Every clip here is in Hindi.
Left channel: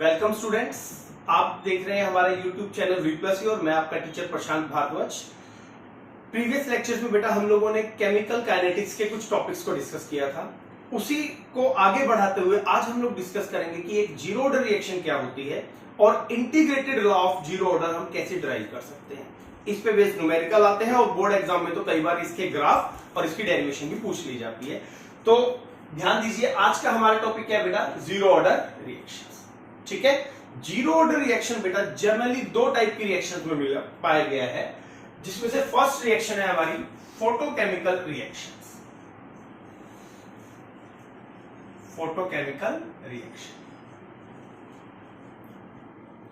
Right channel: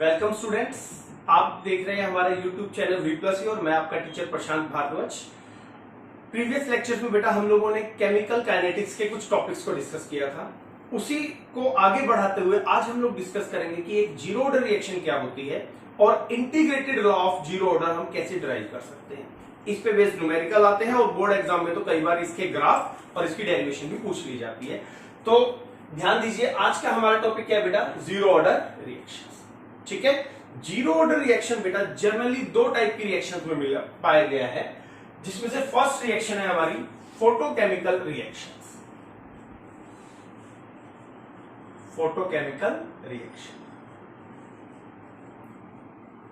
वेलकम स्टूडेंट्स, आप देख रहे हैं हमारा यूट्यूब चैनल वी प्लस और मैं आपका टीचर प्रशांत भारद्वाज। प्रीवियस लेक्चर्स में बेटा हम लोगों ने केमिकल काइनेटिक्स के कुछ टॉपिक्स को डिस्कस किया था। उसी को आगे बढ़ाते हुए आज हम लोग डिस्कस करेंगे कि एक जीरो ऑर्डर रिएक्शन क्या होती है और integrated law of zero order हम कैसे ड्राइव कर सकते हैं। इस पे बेस्ड न्यूमेरिकल आते हैं और बोर्ड एग्जाम में तो कई बार इसके ग्राफ और इसकी डेरिवेशन भी पूछ ली जाती है। तो ध्यान दीजिए, आज का हमारा टॉपिक क्या है बेटा? Zero order reaction. ठीक है, जीरो ऑर्डर रिएक्शन बेटा जनरली दो टाइप की रिएक्शंस में मिला पाया गया है, जिसमें से फर्स्ट रिएक्शन है हमारी फोटोकेमिकल रिएक्शंस। फोटोकेमिकल रिएक्शन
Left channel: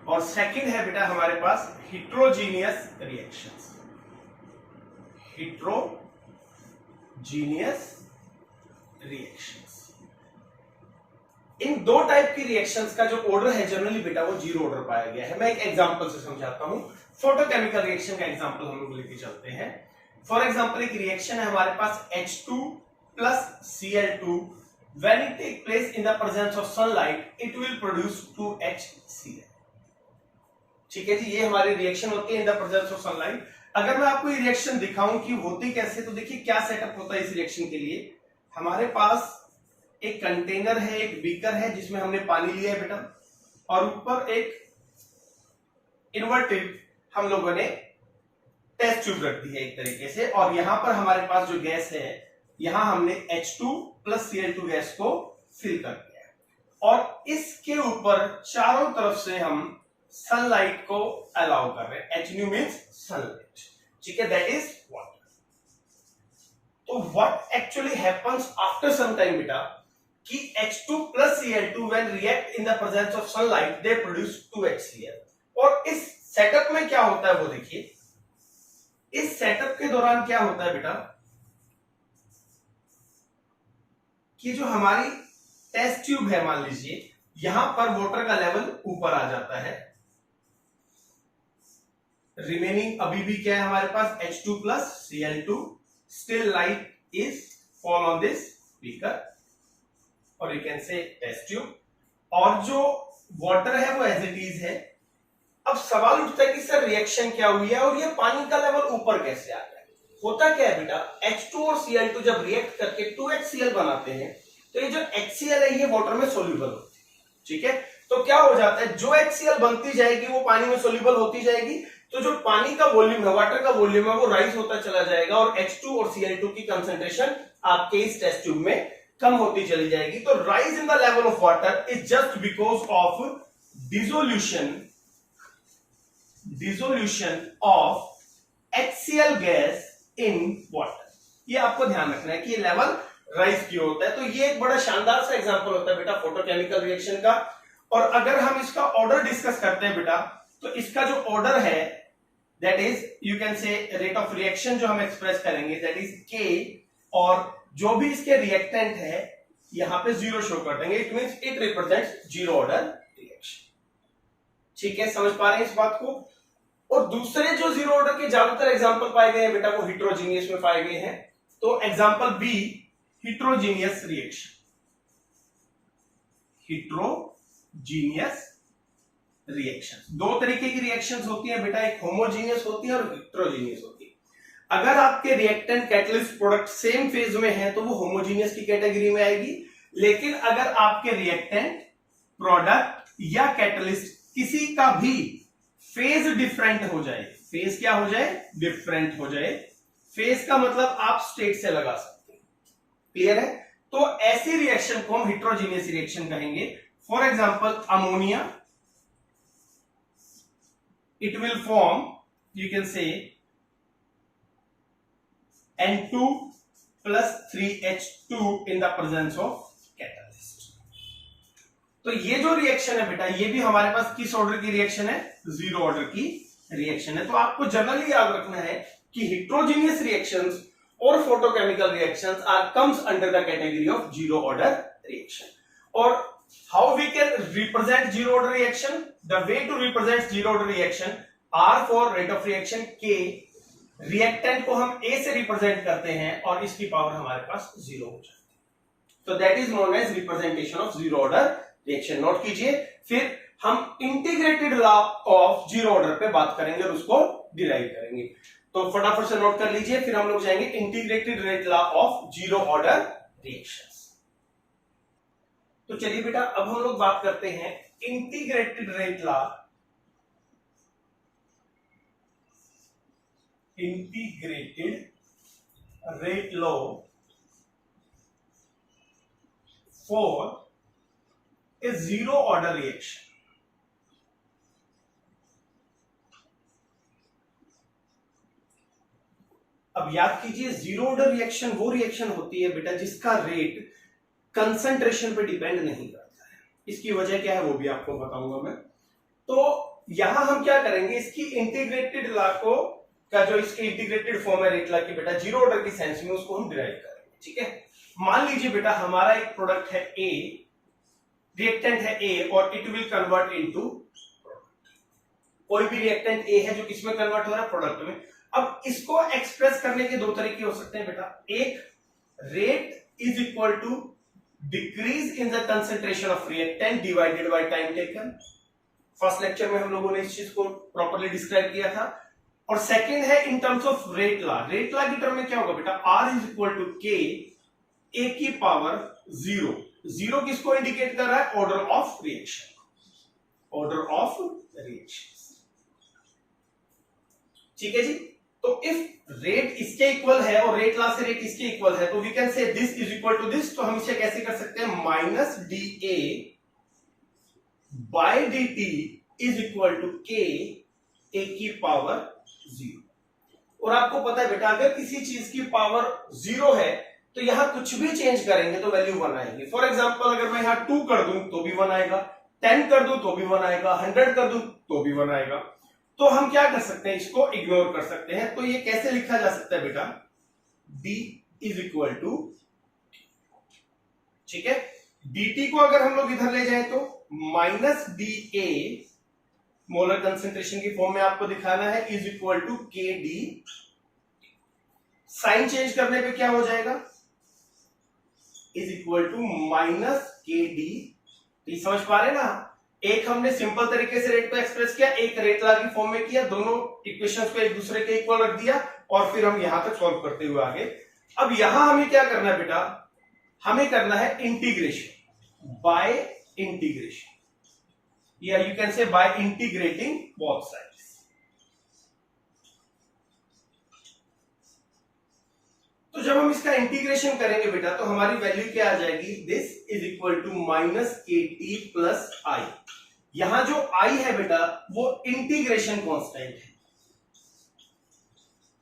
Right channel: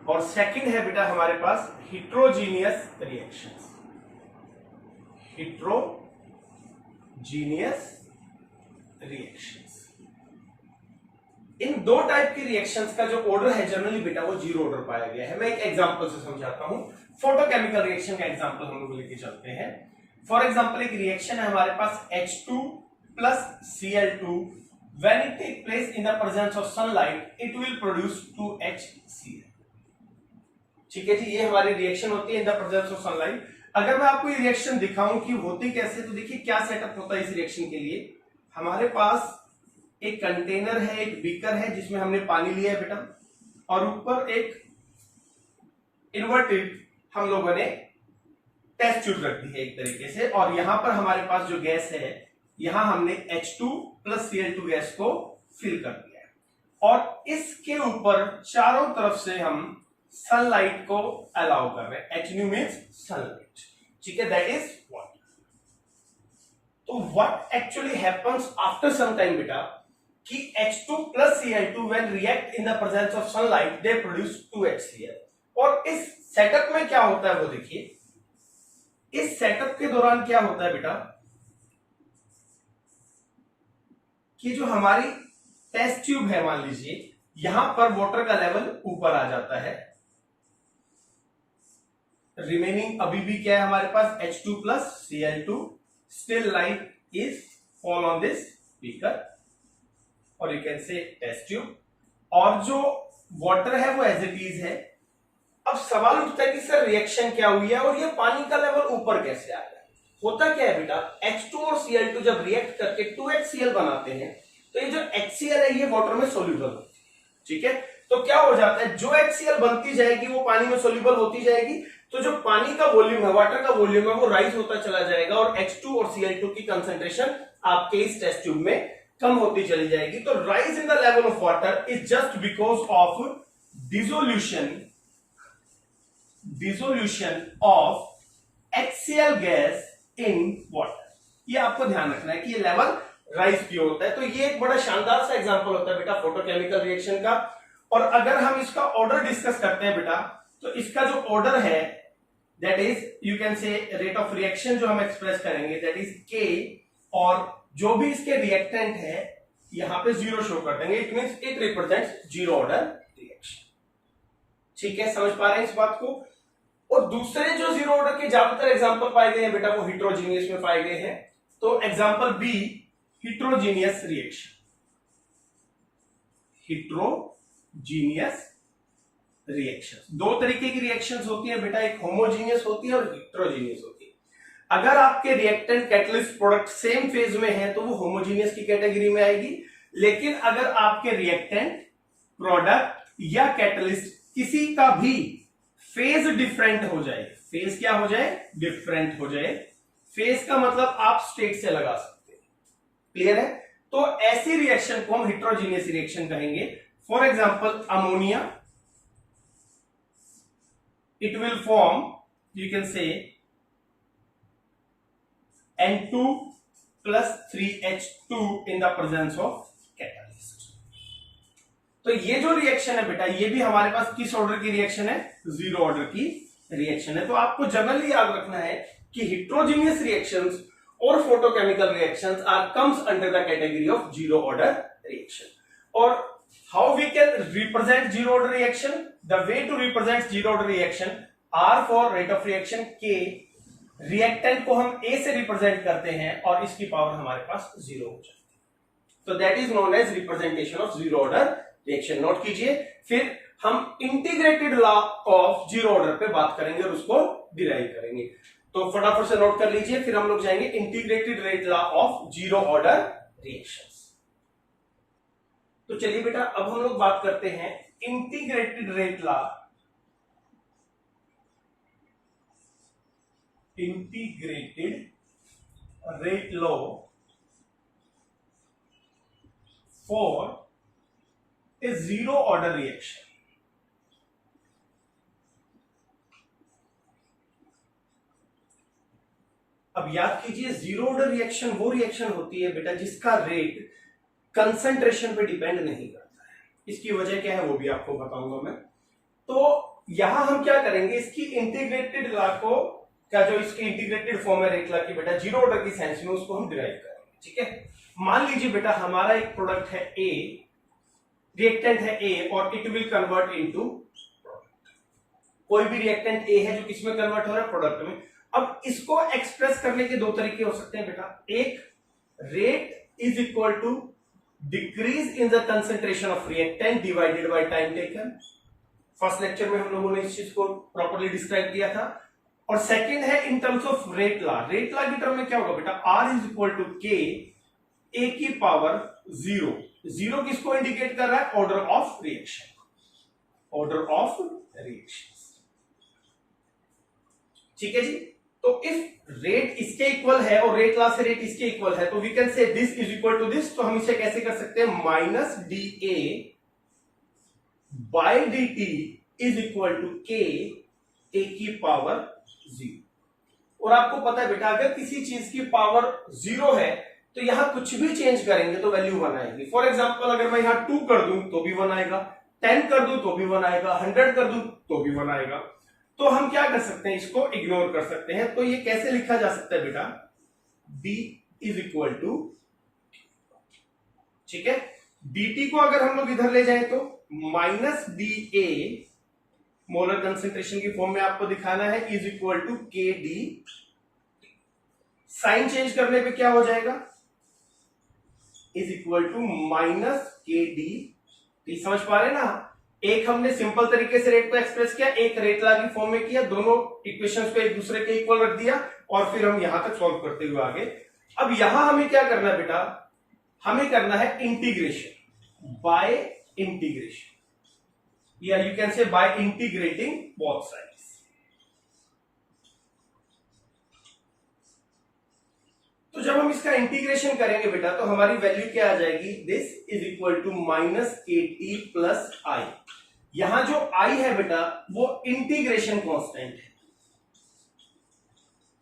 और सेकंड है बेटा हमारे पास हिट्रोजीनियस रिएक्शंस। Heterogeneous reactions. इन दो टाइप की रिएक्शंस का जो ऑर्डर है जनरली बेटा वो जीरो ऑर्डर पाया गया है। मैं एक एग्जांपल से समझाता हूं। फोटोकेमिकल रिएक्शन का एग्जांपल हम लोग लेके चलते हैं। फॉर एग्जांपल एक रिएक्शन है हमारे पास H2 plus Cl2, when it take place in the presence of sunlight it will produce 2HCl। ठीक है जी, ये हमारी रिएक्शन होती है in the presence of sunlight. अगर मैं आपको ये रिएक्शन दिखाऊं कि होती कैसे, तो देखिए क्या सेटअप होता है इस रिएक्शन के लिए। हमारे पास एक कंटेनर है, एक बीकर है जिसमें हमने पानी लिया है बेटा, और ऊपर एक इन्वर्टेड हम लोगों ने टेस्ट ट्यूब रख दी है एक तरीके से, और यहां पर हमारे पास जो गैस है, यहां हमने H2 plus Cl2 गैस को फिल कर दिया है, और इसके ऊपर चारों तरफ से हम सनलाइट को अलाउ कर रहे हैं। HNU मीन्स सनलाइट, ठीक है, दैट इज वाटर। तो what actually happens after some time बेटा कि H2 plus Cl2 when react in the presence of sunlight they produce 2HCl। और इस सेटअप में क्या होता है वो देखिए। इस सेटअप के दौरान क्या होता है बेटा कि जो हमारी टेस्ट ट्यूब है, मान लीजिए यहां पर वाटर का लेवल ऊपर आ जाता है। रिमेनिंग अभी भी क्या है हमारे पास H2 plus Cl2, still light is fall on this beaker और you can say test tube, और जो वाटर है वो एज इट इज है। अब सवाल उठता है कि सर रिएक्शन क्या हुई है और ये पानी का लेवल ऊपर कैसे आ गया? होता क्या है बेटा, H2 और Cl2 जब रिएक्ट करके 2HCl बनाते हैं तो ये जो HCl है ये वाटर में सोल्यूबल होती है। ठीक है, तो क्या हो जाता है, जो HCl बनती जाएगी वो पानी में सोल्यूबल होती जाएगी, तो जो पानी का वॉल्यूम है, वाटर का वॉल्यूम है, वो राइज होता चला जाएगा और H2 और Cl2 की कंसेंट्रेशन आपके इस टेस्ट ट्यूब में कम होती चली जाएगी। तो rise in the level of water is just because of dissolution of HCl gas in water. ये आपको ध्यान रखना है कि ये लेवल राइज क्यों होता है। तो ये एक बड़ा शानदार सा एग्जांपल होता है बेटा फोटोकेमिकल रिएक्शन का। और अगर हम इसका ऑर्डर डिस्कस करते हैं बेटा, तो इसका जो ऑर्डर है दैट इज यू कैन से रेट ऑफ रिएक्शन जो हम एक्सप्रेस करेंगे दैट इज K, और जो भी इसके रिएक्टेंट है यहां पे जीरो शो कर देंगे। It means it represents zero order reaction. ठीक है, समझ पा रहे हैं इस बात को? और दूसरे जो जीरो ऑर्डर के ज्यादातर एग्जांपल पाए गए हैं बेटा वो हिट्रोजीनियस में पाए गए हैं। तो example B, heterogeneous reaction. Heterogeneous reaction दो तरीके की रिएक्शंस होती है बेटा, एक होमोजीनियस होती है और हिट्रोजीनियस होती है। अगर आपके reactant catalyst product same phase में है तो वो होमोजीनियस की कैटेगरी में आएगी, लेकिन अगर आपके रिएक्टेंट प्रोडक्ट या कैटलिस्ट किसी का भी फेज डिफरेंट हो जाए, फेज क्या हो जाए? डिफरेंट हो जाए। फेज का मतलब आप स्टेट से लगा सकते हैं, क्लियर है? तो ऐसी रिएक्शन को हम हिट्रोजीनियस रिएक्शन कहेंगे। For example ammonia, it will form, you can say N2 plus 3H2 in the presence of catalyst। तो ये जो रिएक्शन है बेटा ये भी हमारे पास किस ऑर्डर की रिएक्शन है? जीरो ऑर्डर की रिएक्शन है। तो आपको जनरली याद रखना है कि हिट्रोजीनियस रिएक्शंस और photochemical reactions are comes under the category of zero order reaction. और how we can represent zero order reaction? The way to represent zero order reaction, R for rate of reaction, K reactant को हम A से रिप्रेजेंट करते हैं और इसकी पावर हमारे पास जीरो हो जाती है। तो that is known as representation of zero order reaction. Note कीजिए। फिर हम integrated law of zero order पे बात करेंगे और उसको डिराइव करेंगे। तो फटाफट से नोट कर लीजिए, फिर हम लोग जाएंगे integrated rate law of zero order reactions. तो चलिए बेटा, अब हम लोग बात करते हैं integrated rate law, integrated rate law for a zero order reaction. अब याद कीजिए, जीरो ऑर्डर रिएक्शन वो रिएक्शन होती है बेटा जिसका रेट कंसंट्रेशन पे डिपेंड नहीं करता है। इसकी वजह क्या है वो भी आपको बताऊंगा मैं। तो यहां हम क्या करेंगे, इसकी इंटीग्रेटेड लॉ को का जो इसके इंटीग्रेटेड फॉर्म है रेट लॉ की बेटा जीरो ऑर्डर की सेंस में, उसको हम डिराइव करेंगे। ठीक है, मान लीजिए बेटा हमारा एक प्रोडक्ट है ए, रिएक्टेंट है ए और it will convert into product. कोई भी रिएक्टेंट ए है जो किसमें कन्वर्ट हो रहा है, प्रोडक्ट में। अब इसको एक्सप्रेस करने के दो तरीके हो सकते हैं बेटा। एक, rate is equal to decrease in the concentration of reactant divided by time taken. First lecture में हम लोगों ने इस चीज को प्रॉपर्ली डिस्क्राइब किया था। और सेकंड है in terms of rate law. Rate law की टर्म में क्या होगा बेटा, are is equal to K A की पावर जीरो। जीरो किसको इंडिकेट कर रहा है, order of reaction, order of reaction. ठीक है जी। तो इफ रेट इसके इक्वल है और रेट लॉ से रेट इसके इक्वल है, तो we can say this is equal to this. तो हम इसे कैसे कर सकते हैं, minus D A by D T is equal to K A की पावर जीरो। और आपको पता है बेटा, अगर किसी चीज की पावर जीरो है तो यहां कुछ भी चेंज करेंगे तो वैल्यू 1 आएगी। फॉर एग्जांपल, अगर मैं यहां 2 कर दूं तो भी 1 आएगा, 10 कर दूं तो भी 1 आएगा, 100 कर दूं तो भी 1 आएगा। तो हम क्या कर सकते हैं, इसको इग्नोर कर सकते हैं। तो ये कैसे लिखा जा सकता है बेटा, d इज इक्वल टू, ठीक है, dt को अगर हम लोग इधर ले जाएं तो माइनस डी ए, मोलर कंसेंट्रेशन की फॉर्म में आपको दिखाना है, इज इक्वल टू के डी। साइन चेंज करने पे क्या हो जाएगा, इज इक्वल टू माइनस के डी। समझ पा रहे ना। एक हमने सिंपल तरीके से रेट को एक्सप्रेस किया, एक रेट लॉ की फॉर्म में किया, दोनों इक्वेशंस को एक दूसरे के इक्वल रख दिया और फिर हम यहां तक सॉल्व करते हुए आगे। अब यहां हमें क्या करना है बेटा, हमें करना है इंटीग्रेशन बाय इंटीग्रेशन, या यू कैन से बाय इंटीग्रेटिंग बोथ साइड्स। तो जब हम इसका इंटीग्रेशन करेंगे बेटा तो हमारी वैल्यू क्या आ जाएगी, this is equal to minus K T plus I. यहां जो आई है बेटा वो इंटीग्रेशन कांस्टेंट है।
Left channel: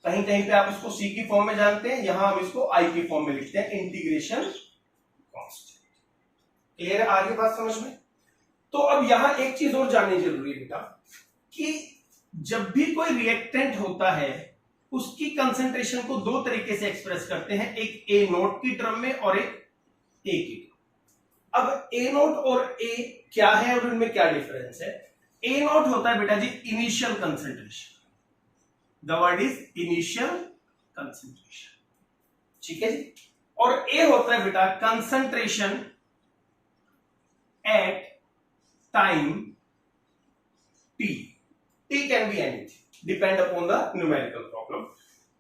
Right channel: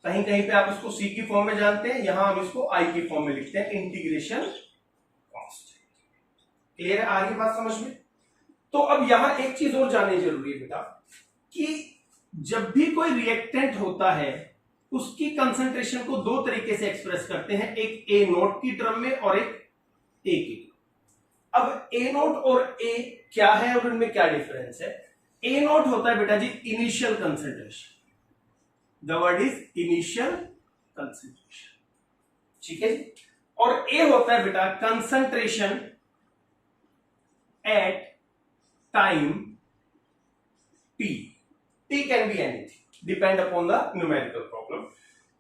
कहीं कहीं पे आप इसको सी की फॉर्म में जानते हैं, यहां हम इसको आई की फॉर्म में लिखते हैं, इंटीग्रेशन कांस्टेंट। क्लियर है, आ रही बात समझ में। तो अब यहां एक चीज और जाननी जरूरी है बेटा, कि जब भी कोई रिएक्टेंट होता है उसकी कंसंट्रेशन को दो तरीके से एक्सप्रेस करते हैं, एक ए नोट की टर्म में और एक ए की टर्म। अब ए नोट और ए क्या है और उनमें क्या डिफरेंस है। ए नोट होता है बेटा जी initial concentration, the word is initial concentration, ठीक है जी। और ए होता है बेटा concentration at time T. T can be anything, depend upon the numerical problem.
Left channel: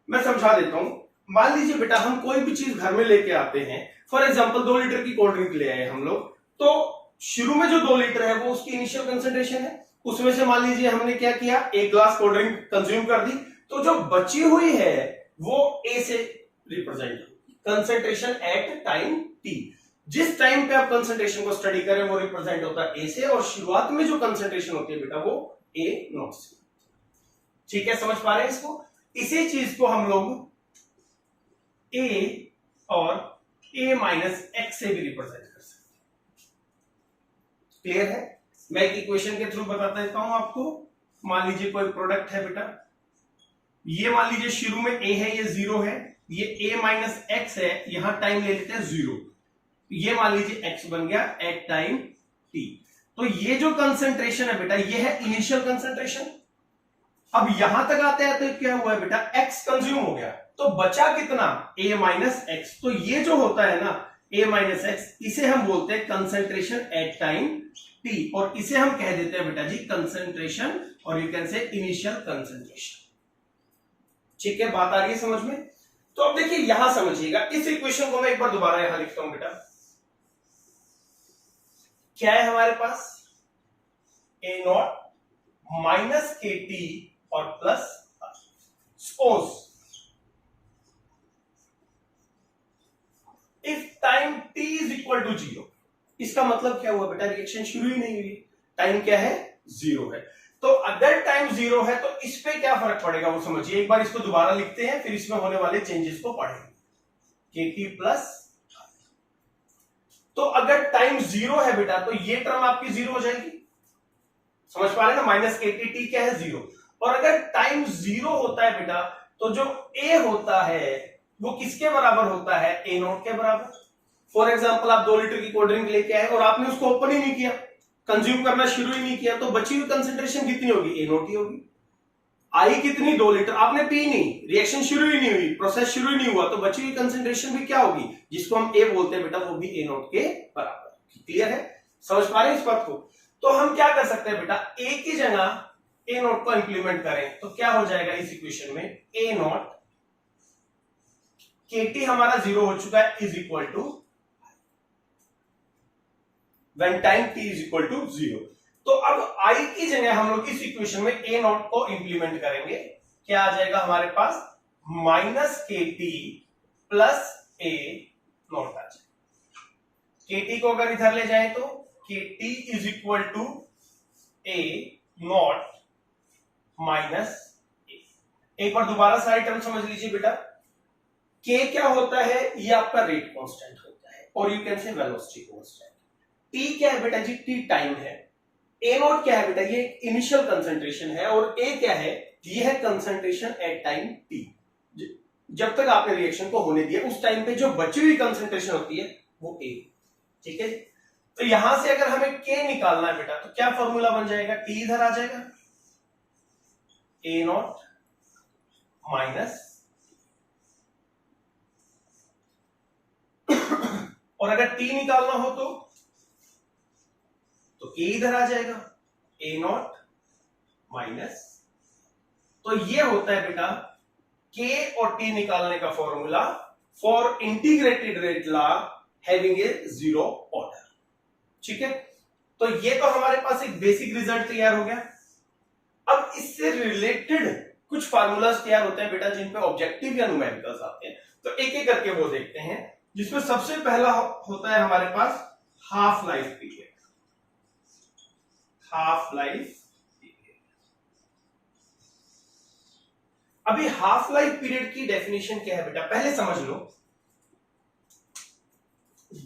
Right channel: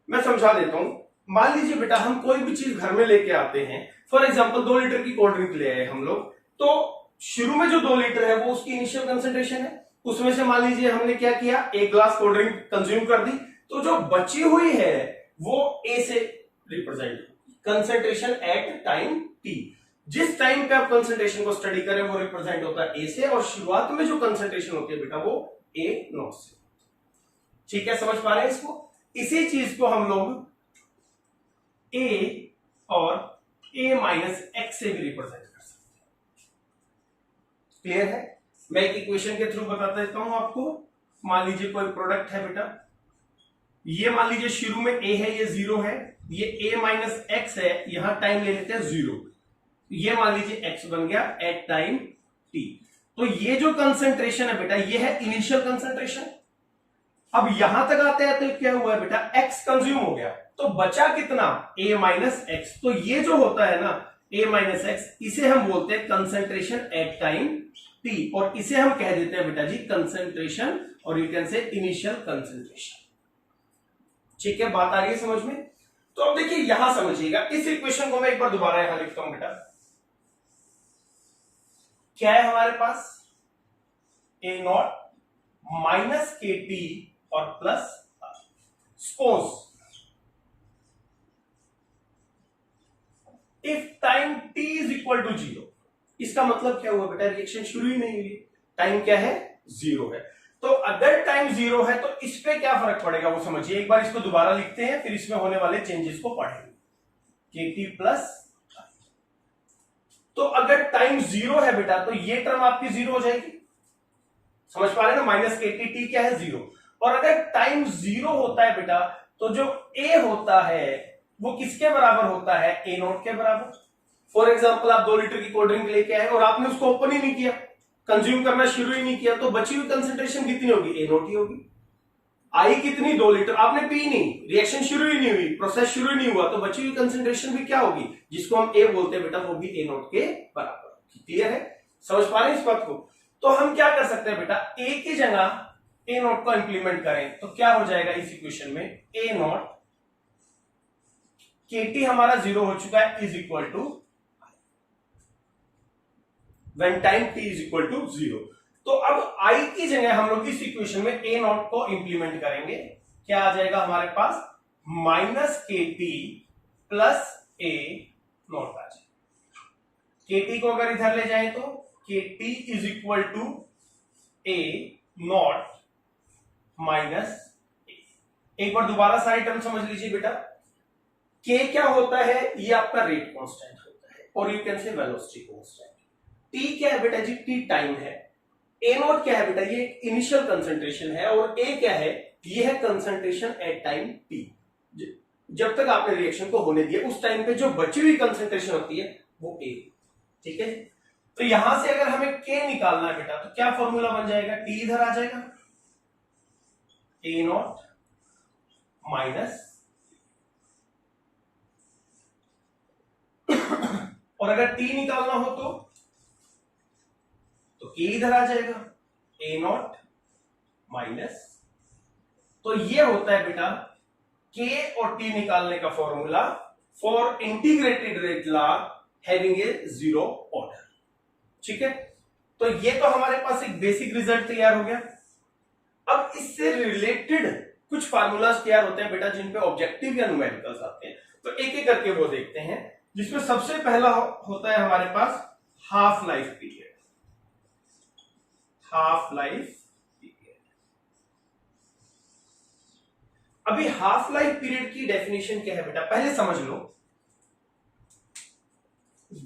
मैं समझा देता हूं। मान लीजिए बेटा हम कोई भी चीज घर में लेके आते हैं, फॉर एग्जांपल 2 लीटर की कोल्ड ड्रिंक ले आए हम लोग, तो शुरू में जो 2 लीटर है वो उसकी इनिशियल कंसंट्रेशन है। उसमें से मान लीजिए हमने क्या किया, 1 ग्लास कोल्ड ड्रिंक कंज्यूम कर दी, तो जो बची हुई है वो ए से represent, concentration at time T. जिस टाइम पे आप कंसंट्रेशन को स्टडी करें वो रिप्रेजेंट होता है ए से, और शुरुआत में जो कंसंट्रेशन होती है बेटा वो ए नॉट से। ठीक है, समझ पा रहे हैं इसको। इसी चीज को हम लोग ए और ए माइनस एक्स से भी रिप्रेजेंट कर सकते हैं। क्लियर है। मैं एक इक्वेशन के थ्रू बता देता हूं आपको। मान लीजिए कोई प्रोडक्ट है बेटा, ये मान लीजिए शुरू में ए है, ये 0 है, ये ए माइनस एक्स है, यहां टाइम ले लेते हैं 0, ये मान लीजिए एक्स बन गया एट टाइम टी। तो ये जो कंसंट्रेशन है बेटा ये है इनिशियल कंसंट्रेशन। अब यहां तक आते हैं तो क्या हुआ है बेटा, एक्स कंज्यूम हो गया, तो बचा कितना, ए माइनस एक्स। तो ये जो होता है ना ए माइनस एक्स, इसे हम बोलते हैं कंसंट्रेशन एट टाइम टी, और इसे हम कह देते हैं बेटा जी कंसंट्रेशन, और यू कैन से इनिशियल कंसंट्रेशन। ठीक है, बात आ रही है समझ में? तो अब देखिए यहां समझिएगा, इस इक्वेशन को मैं एक बार दोबारा यहां लिखता हूं बेटा। क्या है हमारे पास? A naught minus K T और plus suppose if time t is equal to 0, इसका मतलब क्या हुआ बेटा? रिएक्शन शुरू ही नहीं हुई, टाइम क्या है? 0 है। तो अगर टाइम 0 है तो इस पे क्या फर्क पड़ेगा वो समझिए। एक बार इसको दोबारा लिखते हैं, फिर इसमें होने वाले चेंजेस को पढ़ेंगे। के प्लस, तो अगर टाइम 0 है बेटा तो ये टर्म आपकी 0 हो जाएगी, समझ पा रहे ना? माइनस के टी क्या है? 0। और अगर टाइम 0 होता है बेटा तो जो ए होता है वो किसके बराबर होता है? ए नॉट के बराबर। फॉर एग्जाम्पल आप 2 लीटर की कोल्ड ड्रिंक लेके आए और आपने उसको ओपन ही नहीं किया, कंज्यूम करना शुरू ही नहीं किया, तो बची हुई कंसेंट्रेशन कितनी होगी? ए नॉट ही होगी। आई कितनी? 2 लीटर, आपने पी नहीं, रिएक्शन शुरू ही नहीं हुई, प्रोसेस शुरू ही नहीं हुआ, तो बची हुई कंसेंट्रेशन भी क्या होगी? जिसको हम ए बोलते हैं बेटा, वो भी ए नॉट के बराबर। क्लियर है? समझ पा रहे हैं इस बात को? तो हम क्या कर सकते हैं बेटा, ए की जगह ए नॉट को इंप्लीमेंट करें तो क्या हो जाएगा इस इक्वेशन में? ए नॉट के टी हमारा 0 हो चुका है is equal to when time t is equal to 0। तो अब i की जगह हम लोग इस इक्वेशन में a नॉट को इंप्लीमेंट करेंगे, क्या आ जाएगा हमारे पास? Minus K T plus A not आ जाएगा। के टी को अगर इधर ले जाएं तो K T is equal to A naught minus A. एक बार दोबारा सारी टर्म समझ लीजिए बेटा। के क्या होता है? ये आपका रेट कांस्टेंट होता है, और यू कैन से वेलोसिटी कांस्टेंट। टी क्या है बेटा जी? टी टाइम है। ए नॉट क्या है बेटा? ये इनिशियल कंसंट्रेशन है, और ए क्या है? ये है कंसंट्रेशन एट टाइम टी। जब तक आपने रिएक्शन को होने दिया उस टाइम पे जो बची हुई कंसंट्रेशन होती है वो ए। ठीक है, तो यहां से अगर हमें के निकालना है बेटा तो क्या फॉर्मूला बन जाएगा? टी इधर आ जाएगा, ए नॉट माइनस, और अगर टी निकालना हो तो के इधर आ जाएगा, ए नॉट माइनस। तो ये होता है बेटा के और टी निकालने का formula for integrated rate law having a 0 order. ठीक है, तो ये तो हमारे पास एक बेसिक रिजल्ट तैयार हो गया। अब इससे रिलेटेड कुछ फार्मूलाज तैयार होते हैं बेटा जिन पे ऑब्जेक्टिव या न्यूमेरिकल्स आते हैं, तो एक एक करके वो देखते हैं। जिसमें सबसे पहला होता है हमारे पास half life period. Half life period, अभी हाफ लाइफ पीरियड की डेफिनेशन क्या है बेटा? पहले समझ लो,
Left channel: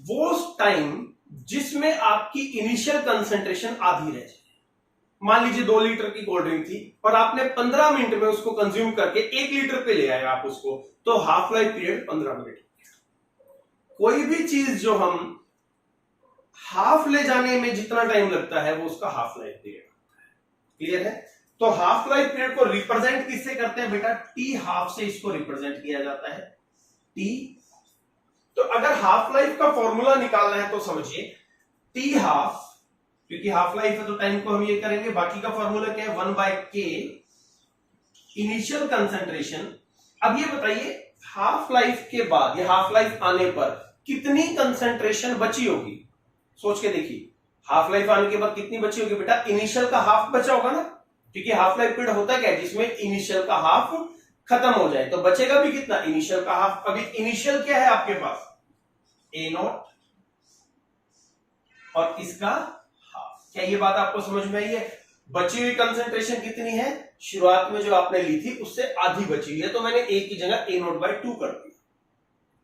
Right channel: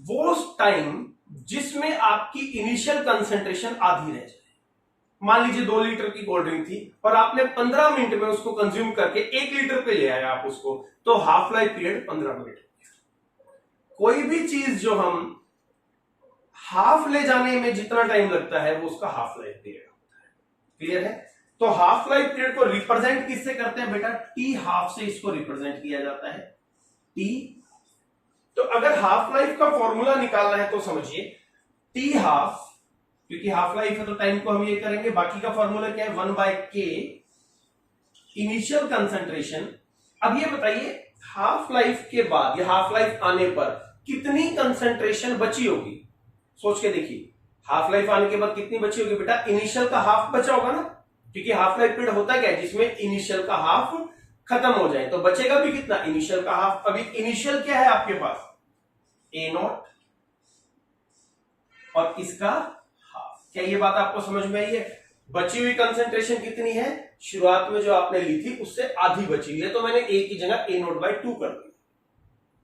वो टाइम जिसमें आपकी इनिशियल कंसंट्रेशन आधी रह जाए। मान लीजिए 2 लीटर की कोल्ड ड्रिंक थी और आपने 15 मिनट में उसको कंज्यूम करके 1 लीटर पे ले आए आप उसको, तो हाफ लाइफ पीरियड 15 मिनट। कोई भी चीज जो हम हाफ ले जाने में जितना टाइम लगता है वो उसका हाफ लाइफ पीरियड होता है। क्लियर है? तो हाफ लाइफ पीरियड को रिप्रेजेंट किससे करते हैं बेटा? टी हाफ से इसको रिप्रेजेंट किया जाता है, टी। तो अगर हाफ लाइफ का फॉर्मूला निकालना है तो समझिए टी हाफ, क्योंकि हाफ लाइफ है तो टाइम को हम ये करेंगे, बाकी का फॉर्मूला क्या है? 1/k initial concentration. अब ये बताइए हाफ लाइफ के बाद या हाफ लाइफ आने पर कितनी कंसंट्रेशन बची होगी? सोच के देखिए, हाफ लाइफ आने के बाद कितनी बची होगी बेटा? इनिशियल का हाफ बचा होगा ना, क्योंकि हाफ लाइफ पीरियड होता क्या है? जिसमें इनिशियल का हाफ खत्म हो जाए, तो बचेगा भी कितना? इनिशियल का हाफ। अभी इनिशियल क्या है आपके पास? ए नॉट, और इसका हाफ। क्या ये बात आपको समझ में आई है? बची हुई कंसंट्रेशन कितनी है? शुरुआत में जो आपने ली थी उससे आधी बची हुई है, तो मैंने ए की जगह ए नॉट बाय 2 कर दिया।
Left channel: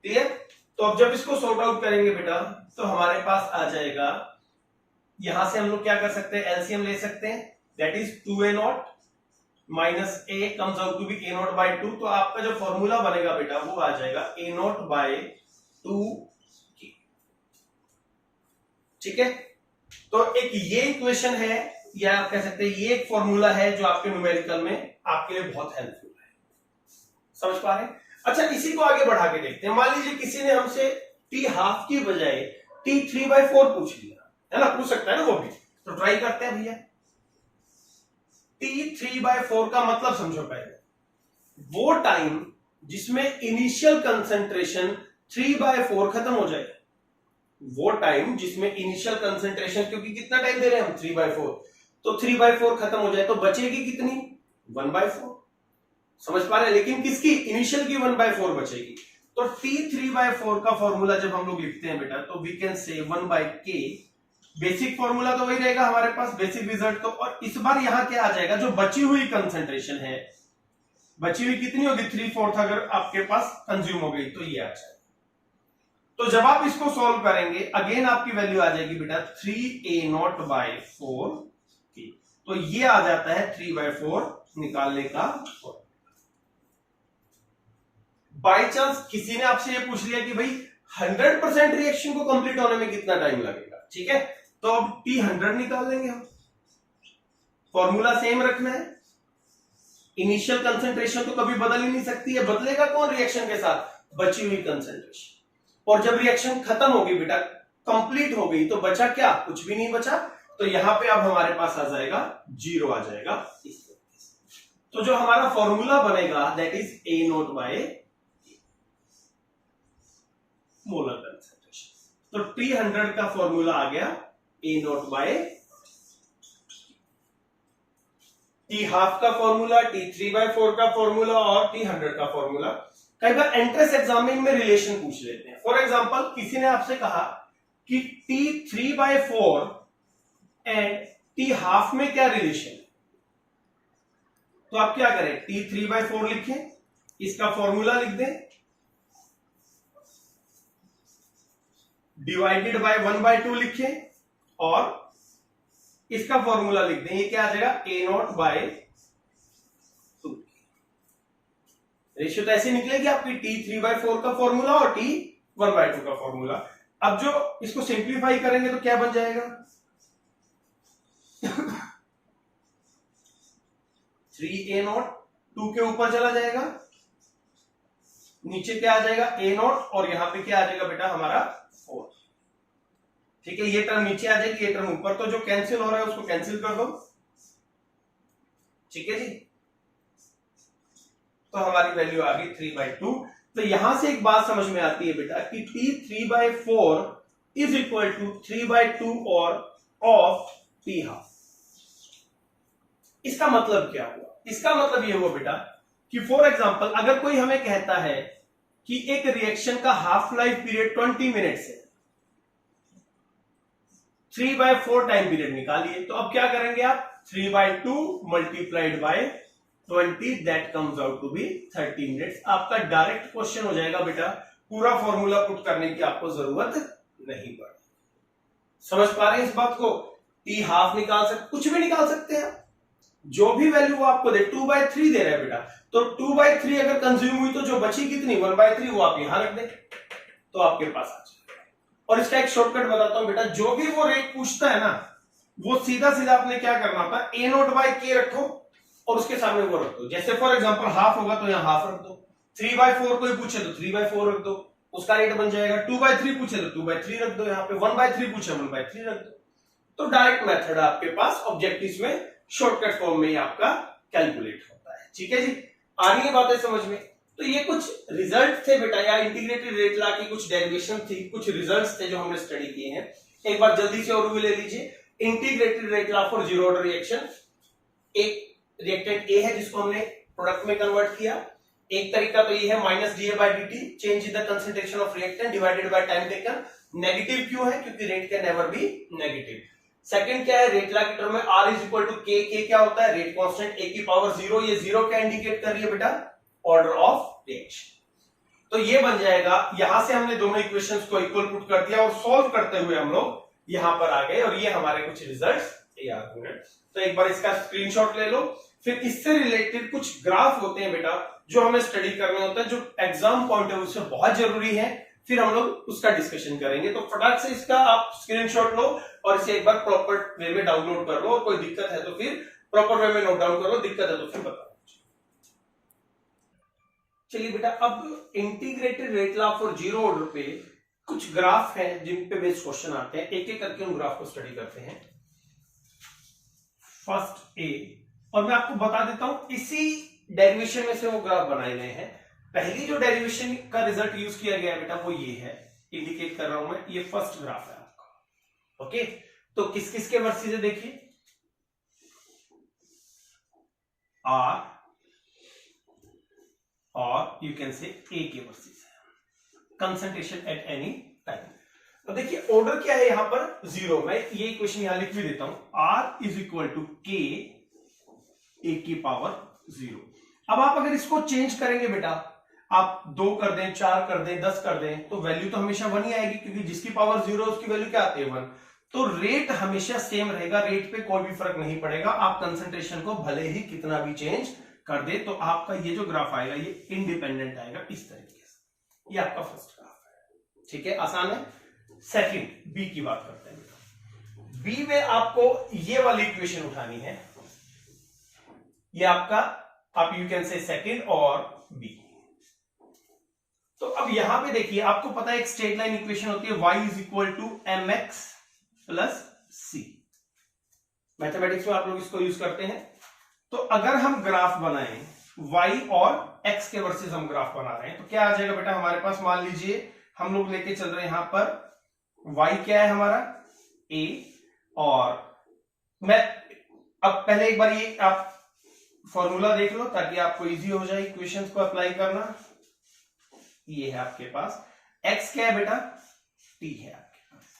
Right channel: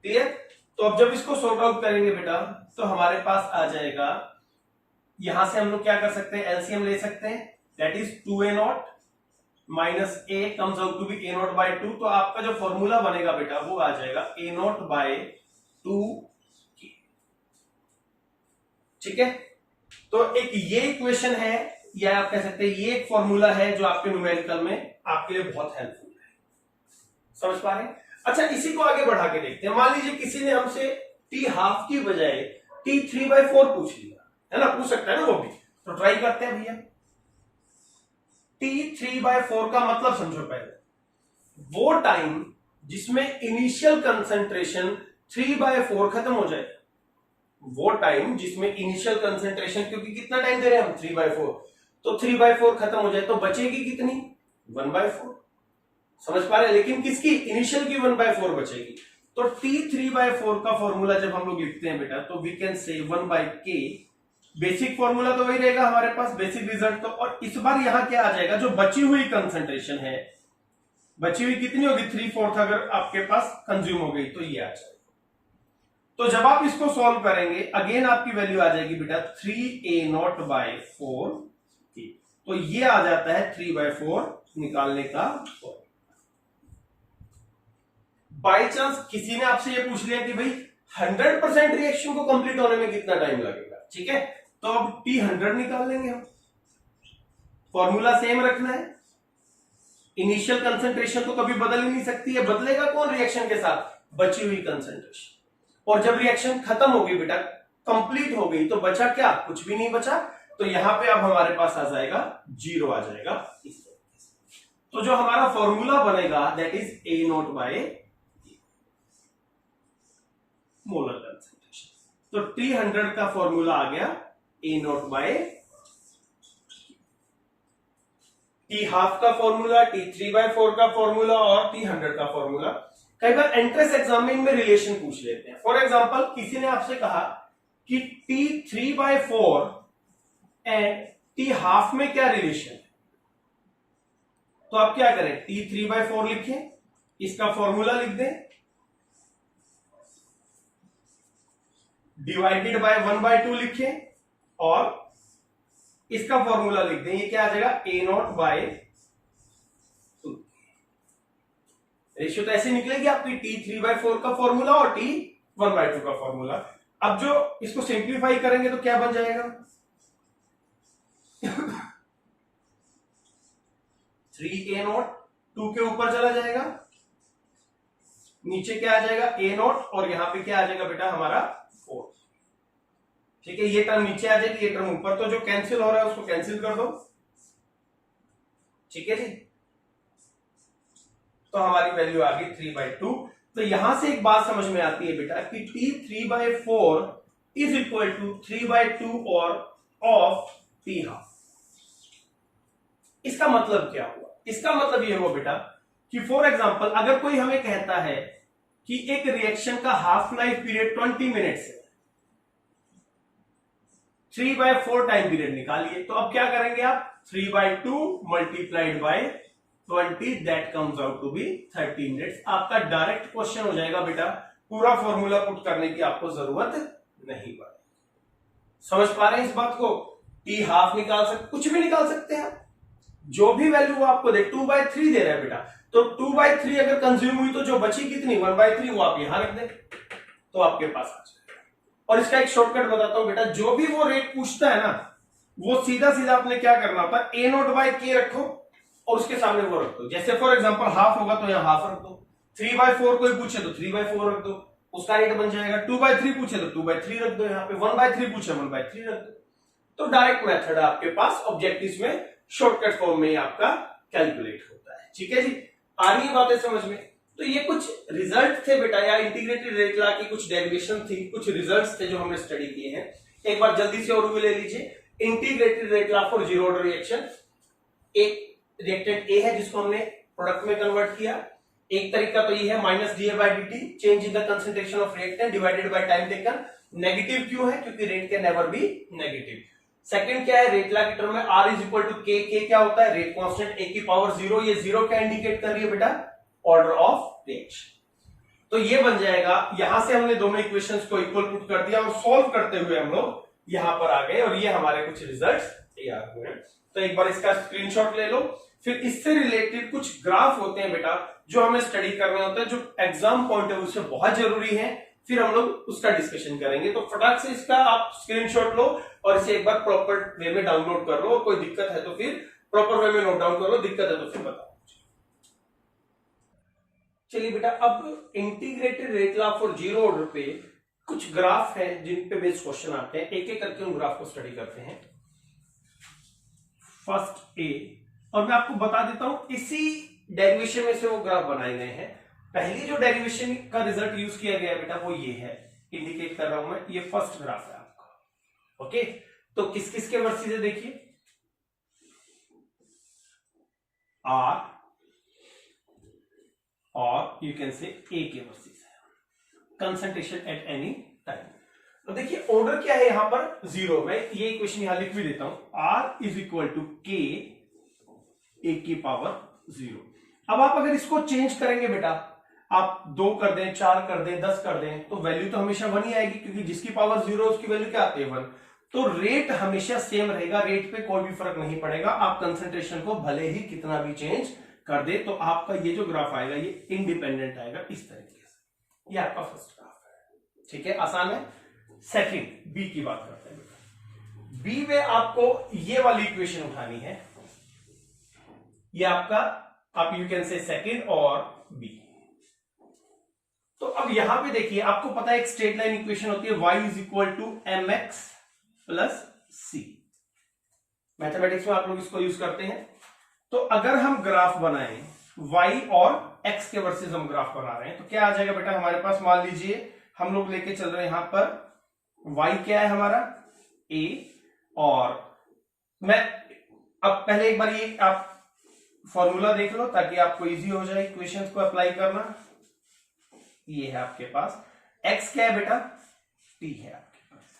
क्लियर? तो अब जब इसको सॉर्ट आउट करेंगे बेटा तो हमारे पास आ जाएगा, यहां से हम लोग क्या कर सकते हैं? एलसीएम ले सकते हैं, that is 2a naught minus A comes out to be a naught by 2। तो आपका जो फॉर्मूला बनेगा बेटा वो आ जाएगा a नॉट बाय 2k। ठीक है, तो एक ये इक्वेशन है, या आप कह सकते हैं ये एक फॉर्मूला है जो आपके न्यूमेरिकल में आपके लिए बहुत हेल्पफुल है। समझ पा रहे हैं? अच्छा, इसी को आगे बढ़ा के देखते हैं। मान लीजिए किसी ने हमसे टी हाफ की बजाय टी 3/4 पूछ लिया, है ना? पूछ सकता है ना वो भी। तो ट्राई करते हैं भैया। T3/4 का मतलब समझो पहले, वो टाइम जिसमें इनिशियल कंसंट्रेशन 3/4 खत्म हो जाए, वो टाइम जिसमें इनिशियल कंसंट्रेशन, क्योंकि कितना टाइम दे रहे हैं हम 3/4, तो 3/4 खत्म हो जाए तो बचेगी कितनी 1/4, समझ पा रहे हैं। लेकिन किसकी, इनिशियल की 1/4 बचेगी। तो T3/4 का फॉर्मूला जब हम लोग लिखते हैं बेटा, तो वी कैन से 1/k, बेसिक फॉर्मूला तो वही रहेगा हमारे पास, बेसिक रिजल्ट तो। और इस बार यहां क्या आ जाएगा, जो बची हुई कंसंट्रेशन है, बची हुई कितनी होगी 3/4 अगर आपके पास कंज्यूम हो गई, तो ये आ जाएगा। तो जब आप इसको सॉल्व करेंगे, अगेन आपकी वैल्यू आ जाएगी बेटा 3a0/4, तो ये आ जाता है 3/4 निकालने का। बाई चांस किसी ने आपसे ये पूछ लिया कि भाई 100% रिएक्शन को कंप्लीट होने में कितना टाइम लगेगा, ठीक है, तो अब T100 निकाल लेंगे हम। फॉर्मूला सेम रखना है, इनिशियल कंसंट्रेशन तो कभी बदल ही नहीं सकती है, बदलेगा कौन रिएक्शन के साथ, बची हुई कंसंट्रेशन। और जब रिएक्शन खत्म होगी बेटा, कंप्लीट हो गई, तो बचा क्या, कुछ भी नहीं बचा, तो यहां पे अब हमारे पास आ जाएगा 0 आ जाएगा इस तरीके से। तो जो हमारा फॉर्मूला बनेगा that is A0/, molar concentration. तो T100 का फॉर्मूला आ गया A0/, T½ का फॉर्मूला, T3/4 का फॉर्मूला और T100 का फॉर्मूला। कई बार एंट्रेंस एग्जाम में इनमें रिलेशन पूछ लेते हैं। फॉर एग्जांपल किसी ने आपसे कहा कि T3/4 एंड T½ में क्या रिलेशन है, तो आप क्या करें, T3/4 लिखें, इसका फॉर्मूला लिख दें, डिवाइडेड बाय 1/2 लिखें, और इसका फॉर्मूला लिख दें, ये क्या आ जाएगा A0/2। रेशियो तो ऐसे निकलेगी आपकी T3/4 का फॉर्मूला और T1/2 का फॉर्मूला। अब जो इसको सिंप्लीफाई करेंगे तो क्या बन जाएगा 3A0, 2 के ऊपर चला जाएगा, नीचे क्या आ जाएगा A0, और यहां पे क्या आ जाएगा बेटा हमारा 4, ठीक है। ये टर्म नीचे आ जाएगी, ये टर्म ऊपर, तो जो कैंसिल हो रहा है उसको कैंसिल कर दो, ठीक है जी। तो हमारी वैल्यू आ गई 3/2। तो यहां से एक बात समझ में आती है बेटा कि T3/4 इज इक्वल टू 3/2 और ऑफ T½ इसका मतलब क्या हुआ, इसका मतलब ये हुआ बेटा कि फॉर एग्जांपल अगर कोई हमें कहता है कि एक रिएक्शन का हाफ लाइफ पीरियड 20 मिनट्स है, 3/4 टाइम पीरियड निकालिए, तो अब क्या करेंगे आप 3/2 multiplied by 20, that comes out to be 30 minutes. आपका डायरेक्ट क्वेश्चन हो जाएगा बेटा, पूरा फॉर्मूला पुट करने की आपको जरूरत नहीं पड़ेगी। समझ पा रहे हैं इस बात को, T½ निकाल सकते, कुछ भी निकाल सकते हैं, जो भी वैल्यू वो आपको दे, 2/3 दे रहा है बेटा, तो 2/3 अगर कंज्यूम हुई तो जो बची कितनी 1/3, वो आप यहां रख दें तो आपके पास आ जाएगा। और इसका एक शॉर्टकट बताता हूं बेटा, जो भी वो रेट पूछता है ना, वो सीधा सीधा आपने क्या करना होता है, A0/k रखो और उसके सामने वो रख दो। जैसे फॉर एग्जांपल हाफ होगा तो यहां हाफ रख दो, 3/4 कोई पूछे तो 3/4 रख दो, उसका रेट बन जाएगा। 2/3 पूछे तो 2/3 रख दो, यहाँ पे 1/3 पूछे 1/3 रख दो। तो डायरेक्ट मेथड आपके पास, ऑब्जेक्टिव्स में शॉर्टकट फॉर्म में आपका कैलकुलेट होता है, ठीक है जी। आ रही है बातें समझ में। तो ये कुछ रिजल्ट थे बेटा, या इंटीग्रेटेड रेट लॉ की कुछ डेरिवेशन थी, कुछ रिजल्ट्स थे जो हमने स्टडी किए हैं। एक बार जल्दी से और ले लीजिए। Integrated rate law for zero order reaction, एक रिएक्टेंट ए है जिसको हमने प्रोडक्ट में कन्वर्ट किया। एक तरीका तो ये है -dA/dt, change in the concentration of reactant divided by time taken. Negative क्यों है, क्योंकि rate can never be negative. Second क्या है, रेट लॉ की टर्म में R is equal to K, K क्या होता है, रेट कांस्टेंट, A की पावर 0, ये 0 क्या इंडिकेट कर रही है बेटा, ऑर्डर ऑफ रिएक्शन। तो ये बन जाएगा, यहां से हमने दोनों इक्वेशंस को इक्वल पुट कर दिया और सॉल्व करते हुए हम लोग यहां पर आ गए, और ये हमारे कुछ रिजल्ट्स तैयार हुए। तो एक बार इसका स्क्रीनशॉट ले लो। फिर इससे रिलेटेड कुछ ग्राफ होते हैं बेटा जो हमें स्टडी करने होते हैं, जो एग्जाम पॉइंट ऑफ व्यू से बहुत जरूरी है, फिर हम लोग उसका डिस्कशन करेंगे। तो फटाक से इसका आप स्क्रीनशॉट लो और इसे एक बार प्रॉपर वे में डाउनलोड कर लो, और कोई दिक्कत है तो फिर प्रॉपर वे में नोट डाउन कर लो, दिक्कत है तो फिर बताओ। चलिए बेटा, अब integrated rate law for zero order पे कुछ ग्राफ हैं जिन पे बेस्ड क्वेश्चन आते हैं, एक एक करके उन ग्राफ को स्टडी करते हैं। फर्स्ट ए, और मैं आपको बता देता हूं इसी डेरिवेशन में से वो ग्राफ बनाए गए हैं। पहली जो डेरिवेशन का रिजल्ट यूज किया गया बेटा वो ये है, इंडिकेट कर रहा हूं मैं, ये फर्स्ट ग्राफ है आपका। ओके, तो किस किस के वर्सेस है देखिए, आर और यू कैन से ए के वर्सेस है, कंसंट्रेशन एट एनी टाइम। तो देखिए ऑर्डर क्या है यहां पर, जीरो। मैं ये इक्वेशन यहां लिख भी देता हूं, are is equal to K A की पावर जीरो। अब आप अगर इसको चेंज करेंगे बेटा, आप 2 कर दें, 4 कर दें, 10 कर दें, तो वैल्यू तो हमेशा 1 ही आएगी, क्योंकि जिसकी पावर 0 उसकी वैल्यू क्या आती है 1। तो रेट हमेशा सेम रहेगा, रेट पे कोई भी फर्क नहीं पड़ेगा। आप कंसंट्रेशन को भले ही कितना भी चेंज कर दे, तो आपका ये जो ग्राफ आएगा ये इंडिपेंडेंट आएगा इस तरीके से। ये आपका फर्स्ट ग्राफ है, ठीक है, आसान है। सेकंड बी की बात करते हैं बेटा। बी में आपको ये वाली इक्वेशन उठानी है, ये आपका, आप यू कैन से सेकंड और बी। तो अब यहां पे देखिए, आपको पता है एक स्ट्रेट लाइन इक्वेशन होती है, y is equal to M X plus C. Mathematics में आप लोग इसको यूज करते हैं। तो अगर हम ग्राफ बनाएं, y और x के वर्सेस हम ग्राफ बना रहे हैं, तो क्या आ जाएगा बेटा हमारे पास, मान लीजिए हम लोग लेके चल रहे हैं यहां पर, y क्या है हमारा a, और मैं अब पहले एक बार ये आप फॉर्मूला देख लो ताकि आपको इजी हो जाए इक्वेशंस को अप्लाई करना। ये है आपके पास, x क्या है बेटा, t है आपके पास,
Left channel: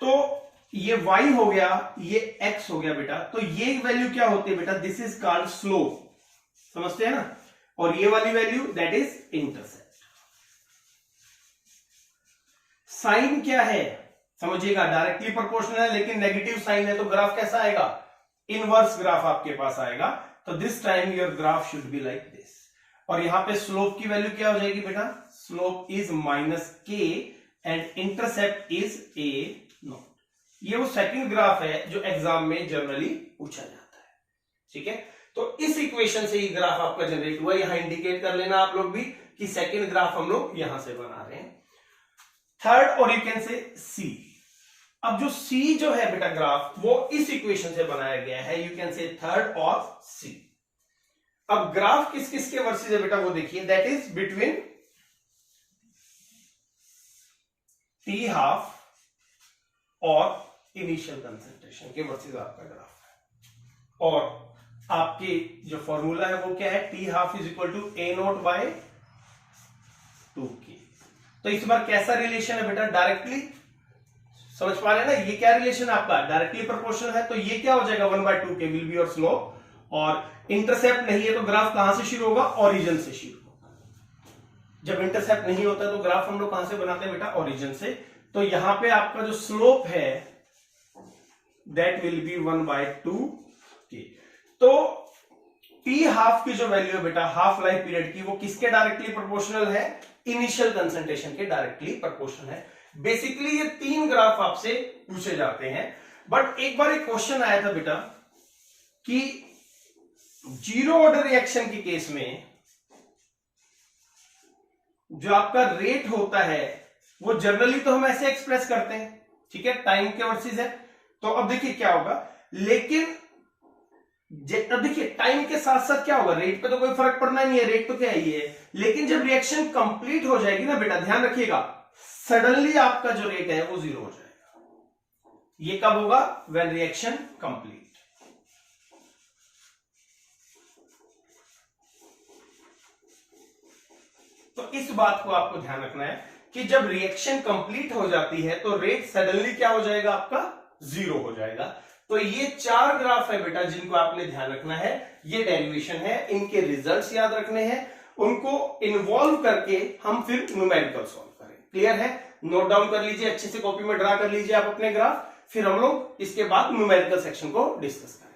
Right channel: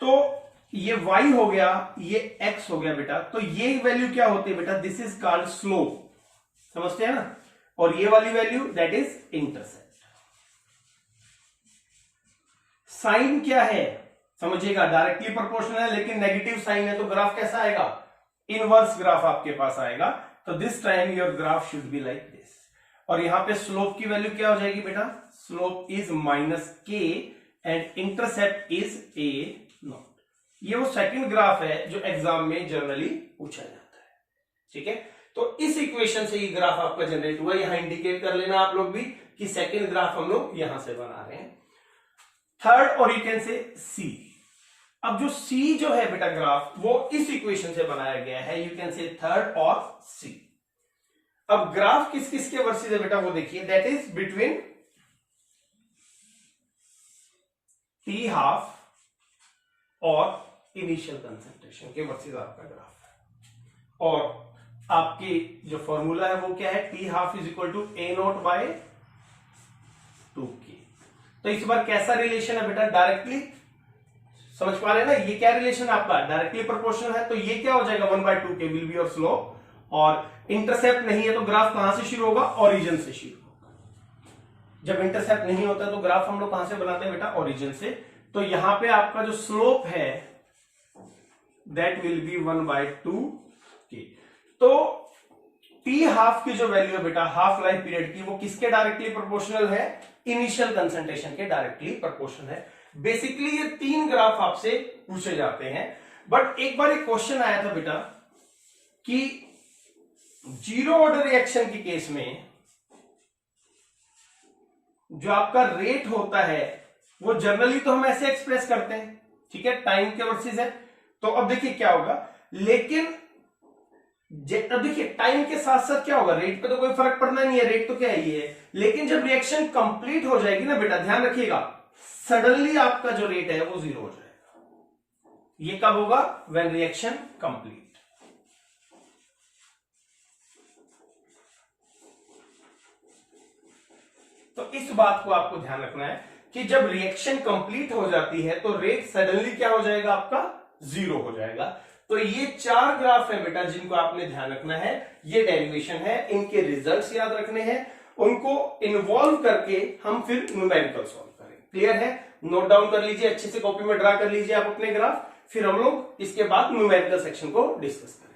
तो ये y हो गया, ये x हो गया बेटा। तो ये वैल्यू क्या होती है बेटा, दिस इज कॉल्ड स्लोप, समझते हैं ना, और ये वाली value that is intercept. Sign क्या है समझिएगा, डायरेक्टली प्रोपोर्शनल है लेकिन नेगेटिव साइन है, तो ग्राफ कैसा आएगा, इनवर्स ग्राफ आपके पास आएगा। तो this time your graph should be like this. और यहां पे स्लोप की वैल्यू क्या हो जाएगी बेटा, स्लोप इज माइनस के and intercept is a not. ये वो सेकंड ग्राफ है जो एग्जाम में जनरली पूछा जाता है, ठीक है। तो इस इक्वेशन से ये ग्राफ आपका जनरेट हुआ, यहां इंडिकेट कर लेना आप लोग भी कि सेकंड ग्राफ हम लोग यहां से बना रहे हैं। थर्ड और यू कैन से सी। अब जो सी जो है बेटा ग्राफ, वो इस इक्वेशन से बनाया गया है, यू कैन से थर्ड और सी। अब ग्राफ किस किस के वर्सेस है बेटा वो देखिए, that is between T half और इनिशियल कंसंट्रेशन के वर्सेस आपका ग्राफ है। और आपकी जो फॉर्मूला है वो क्या है, T half is equal to A naught by 2k। तो इस बार कैसा रिलेशन है बेटा, डायरेक्टली समझ पा रहे हैं ना, ये क्या रिलेशन आपका डायरेक्टली प्रोपोर्शनल है, तो ये क्या हो जाएगा 1/2k will be your slope. और इंटरसेप्ट नहीं है तो ग्राफ कहां से शुरू होगा, ओरिजिन से शुरू होगा। जब इंटरसेप्ट नहीं होता तो ग्राफ हम लोग कहां से बनाते हैं बेटा, ओरिजिन से। तो यहां पे आपका जो स्लोप है दैट विल बी 1/2k। तो टी हाफ की जो वैल्यू है बेटा हाफ लाइफ पीरियड की, वो किसके डायरेक्टली प्रोपोर्शनल है, इनिशियल कंसंट्रेशन के डायरेक्टली प्रोपोर्शनल है। बेसिकली ये 3 ग्राफ आपसे पूछे जाते हैं। बट एक बार एक क्वेश्चन आया था बेटा कि जीरो ऑर्डर रिएक्शन के केस में जो आपका रेट होता है वो जनरली तो हम ऐसे एक्सप्रेस करते हैं, ठीक है, टाइम के वर्सेस है। तो अब देखिए क्या होगा, लेकिन अब देखिए टाइम के साथ साथ क्या होगा, रेट पे तो कोई फर्क पड़ना नहीं है, रेट तो क्या ही है। लेकिन जब रिएक्शन कंप्लीट हो जाएगी ना बेटा, ध्यान रखिएगा, सडनली आपका जो रेट है वो 0 हो जाएगा। ये कब होगा, व्हेन रिएक्शन कंप्लीट। तो इस बात को आपको ध्यान रखना है कि जब रिएक्शन कंप्लीट हो जाती है तो रेट सडनली क्या हो जाएगा, आपका 0 हो जाएगा। तो ये 4 ग्राफ है बेटा जिनको आपने ध्यान रखना है, ये डेरिवेशन है, इनके रिजल्ट्स याद रखने हैं, उनको इन्वॉल्व करके हम फिर न्यूमेरिकल सॉल्व करें। क्लियर है, नोट डाउन कर लीजिए, अच्छे से कॉपी में ड्रा कर लीजिए आप अपने ग्राफ, फिर हम लोग इसके बाद न्यूमेरिकल सेक्शन को डिस्कस करें।